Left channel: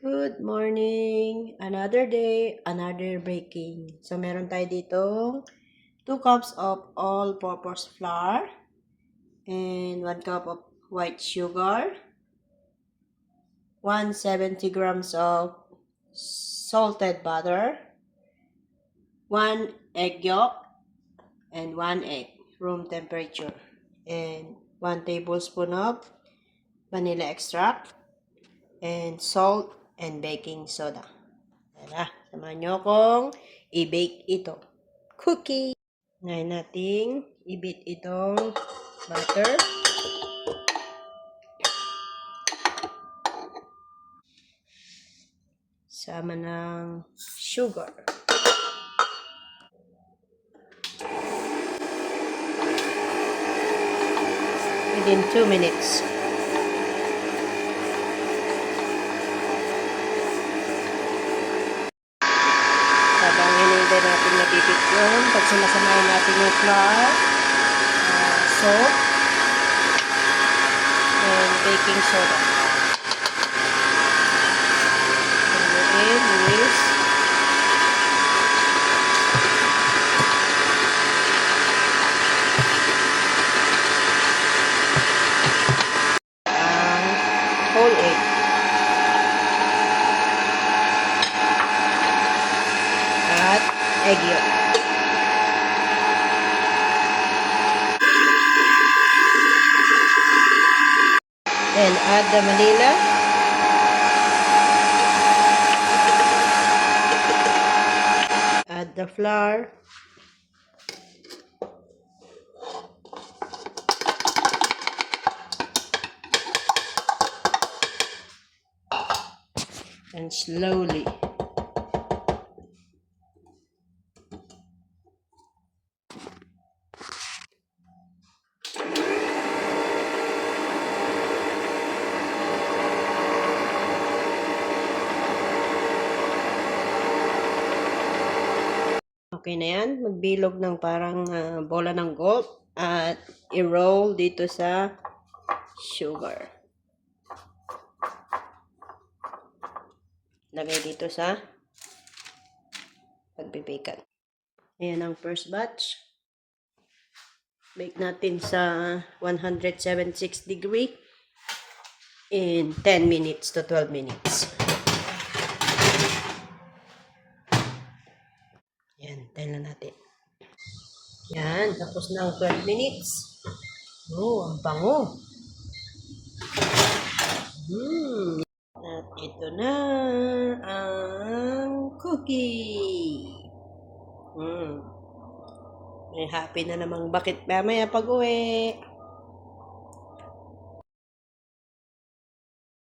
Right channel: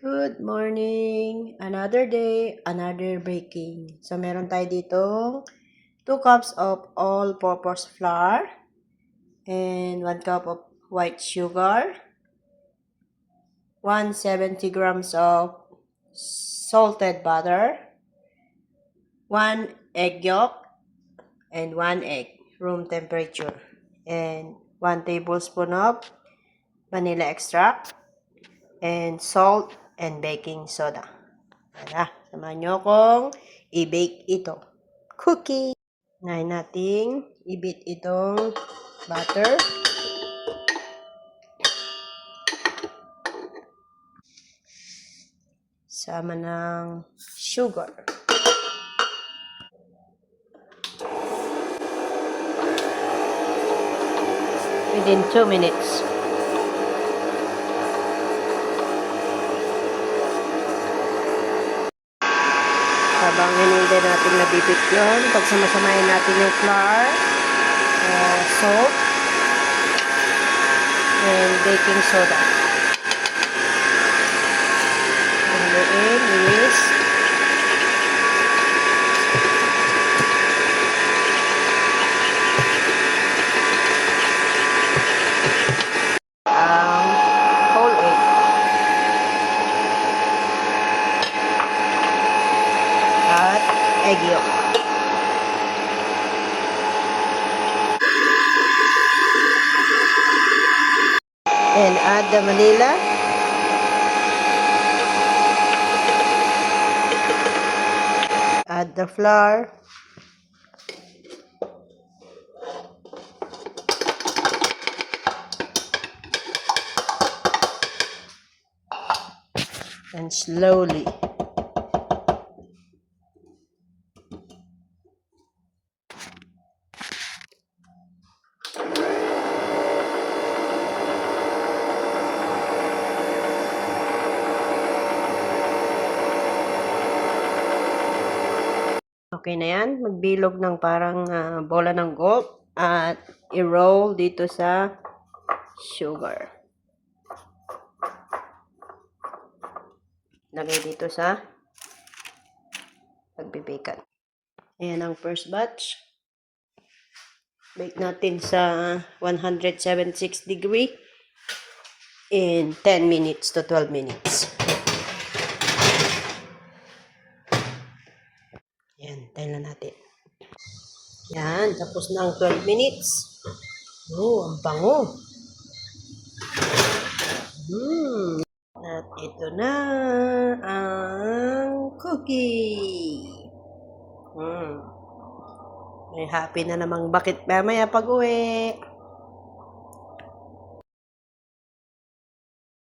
Good morning! Another day, another baking. So, meron tayo ditong 2 cups of all-purpose flour and 1 cup of white sugar, 170 grams of salted butter, 1 egg yolk, and 1 egg, room temperature, and 1 tablespoon of vanilla extract, and salt and baking soda. Tara, samahan nyo akong i-bake ito. Cookie! Ngayon nating i-beat itong butter. Sama ng sugar. Within 2 minutes. Habang hinintay natin nabibit yun, pagsamasamahin natin yung flour, salt, and baking soda. Haluin is ang whole egg. At egg yolk. And add the vanilla. Add the flour. And slowly. Okay na yan. Magbilog ng parang bola ng golf at i-roll dito sa sugar. Lagay dito sa pagbibikan. Ayan ang first batch. Bake natin sa 176 degree in 10 minutes to 12 minutes. Yan, tayo na natin. Yan, tapos na ang 12 minutes. Oh, ang bango. At ito na ang cookie. May happy na namang bakit mamaya pag-uwi.